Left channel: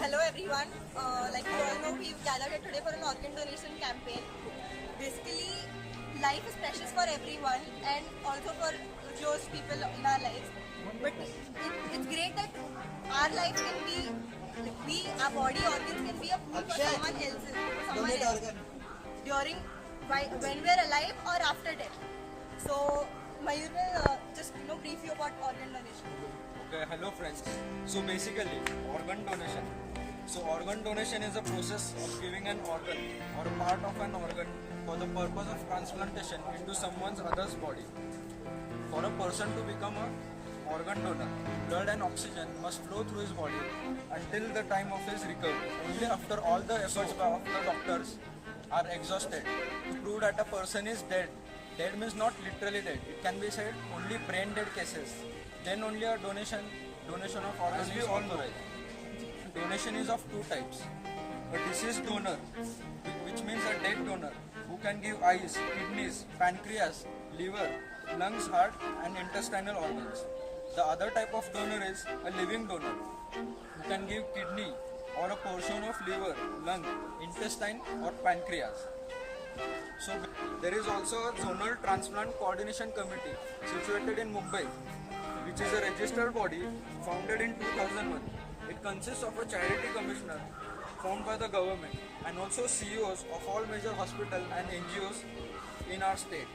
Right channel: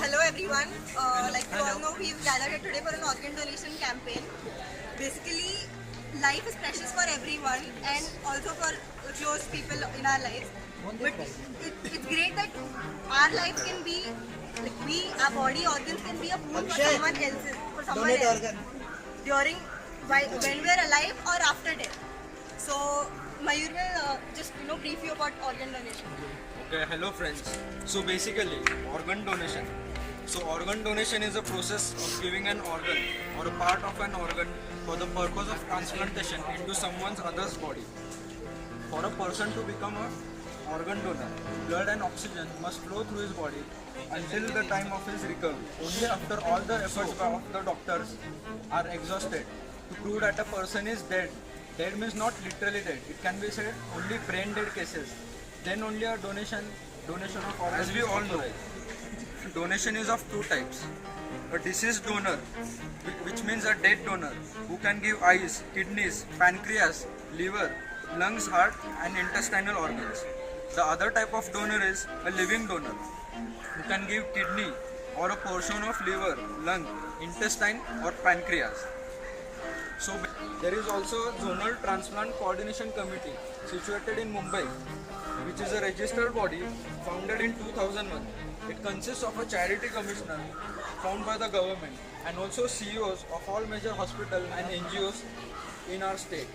Hello everyone. Like you all know, we've gathered here today for an organ donation campaign. Basically, life is precious for everyone and also for close people in our lives. But it's great that our life can be, our body organs can be a boon for someone else's, during when we're alive or after death. So Mayur will just brief you about organ donation. Okay, hello friends. So basically, organ donation. So organ donation is a process of giving an organ or a part of an organ for the purpose of transplantation into someone's other's body. For a person to become an organ donor, blood and oxygen must flow through his body until the time of his recovery. Only after all the efforts of the doctors are exhausted to prove that a person is dead. Dead means not literally dead. It can be said only brain dead cases. Then only a donation of organs. As we all know, donation is of two types. A deceased donor, which means a dead donor, who can give eyes, kidneys, pancreas, liver, lungs, heart and intestinal organs. The other type of donor is a living donor, who can give kidney or a portion of liver, lung, intestine or pancreas. So there is also a zonal transplant coordination committee situated in Mumbai, which is a registered body founded in 2001. It consists of a charity commissioner found by the government and also CEOs of all major hospitals and NGOs in our state.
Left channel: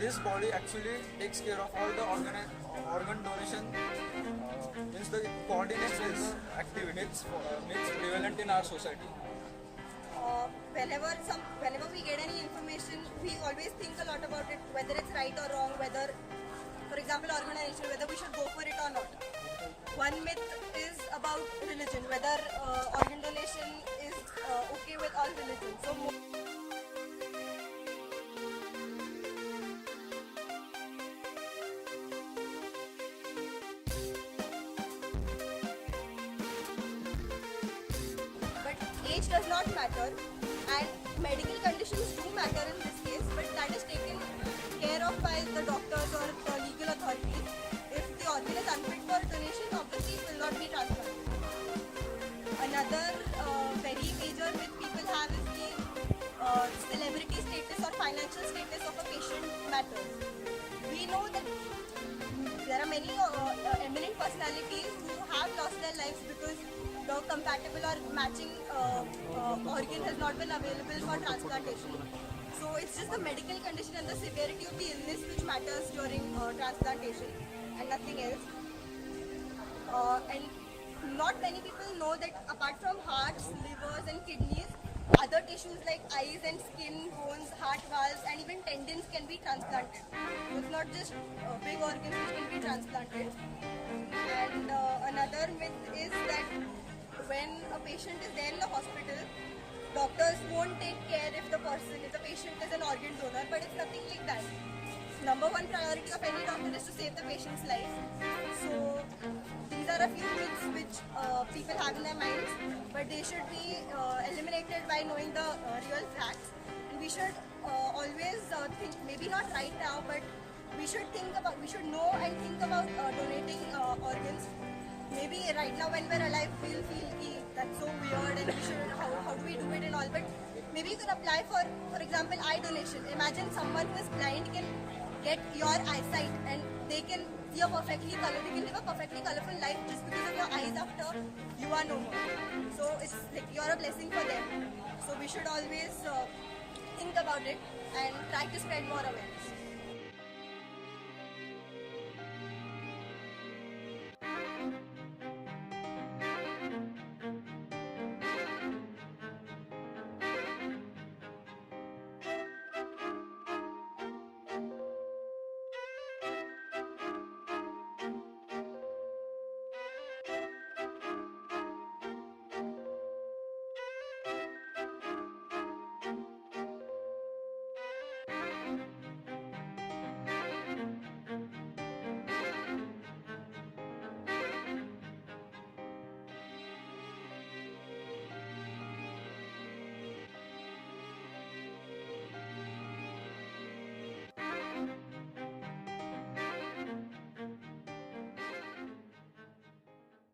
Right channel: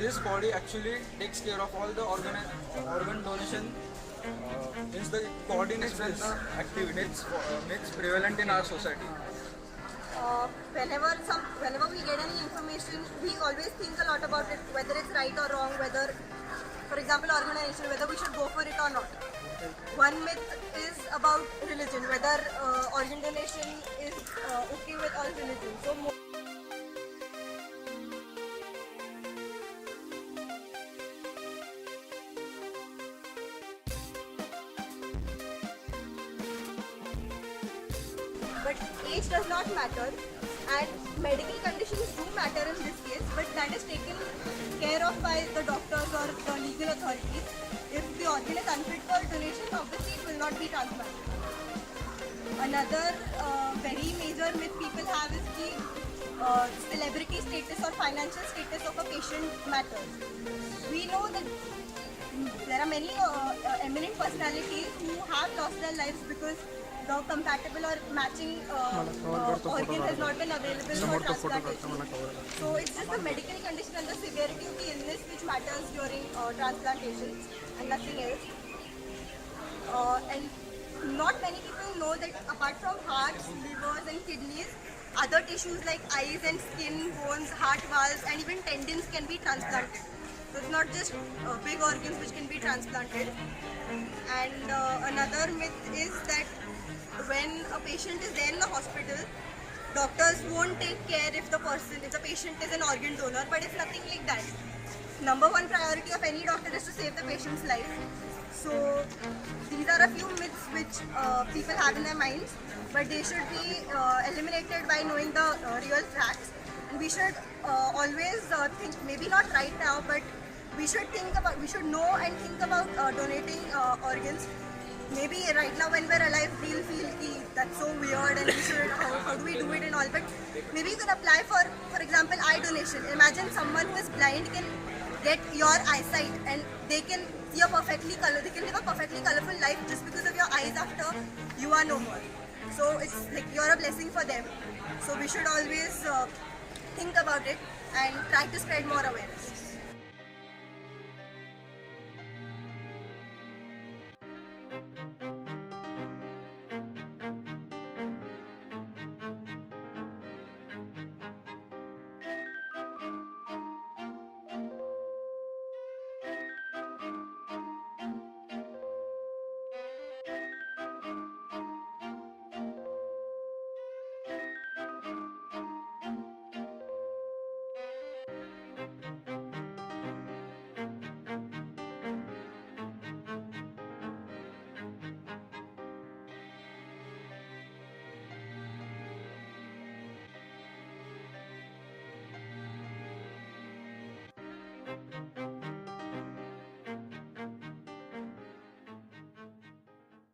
This body actually takes care of all the organ donation, means the coordinates this activity makes prevalent in our society. Whenever we get any information, we always think a lot about it, whether it's right or wrong, whether, for example, organ donation, whether we should go for it or not. One myth is about religion, whether organ donation is okay with all religions. So but age does not matter, and medical conditions do matter in this case, but that is taken care of by the doctors or the legal authorities. If the organ is unfit for donation, obviously it will not be transplanted. Another very major myth people have is the celebrity status or financial status of a patient matters. We know that there are many eminent personalities who have lost their lives because the compatible or matching organ has not been available for transplantation. So it's just the medical condition and the severity of the illness which matters during transplantation and nothing else. And not many people know that apart from hearts, livers and kidneys, other tissues like eyes and skin, bones, heart valves and even tendons can be transplanted. So it's not just big organs which can be transplanted. And another myth is that when a patient is there in the hospital, doctors won't take care if the patient is an organ donor, but it's nothing like that. Number one priority of any doctor is to save the patient's life. So these are a few myths which people have in their minds, but they should be eliminated by knowing the real facts. We should always think, maybe not right now, but we should know and think about donating organs. Maybe right now when we're alive, we'll feel that's so weird and how do we do it and all, but maybe you can apply for example, eye donation. Imagine someone who is blind can get your eyesight and they can live a perfectly colorful life just because of your eyes after you are no more. So it's like you're a blessing for them. So we should always think about it and try to spread more awareness.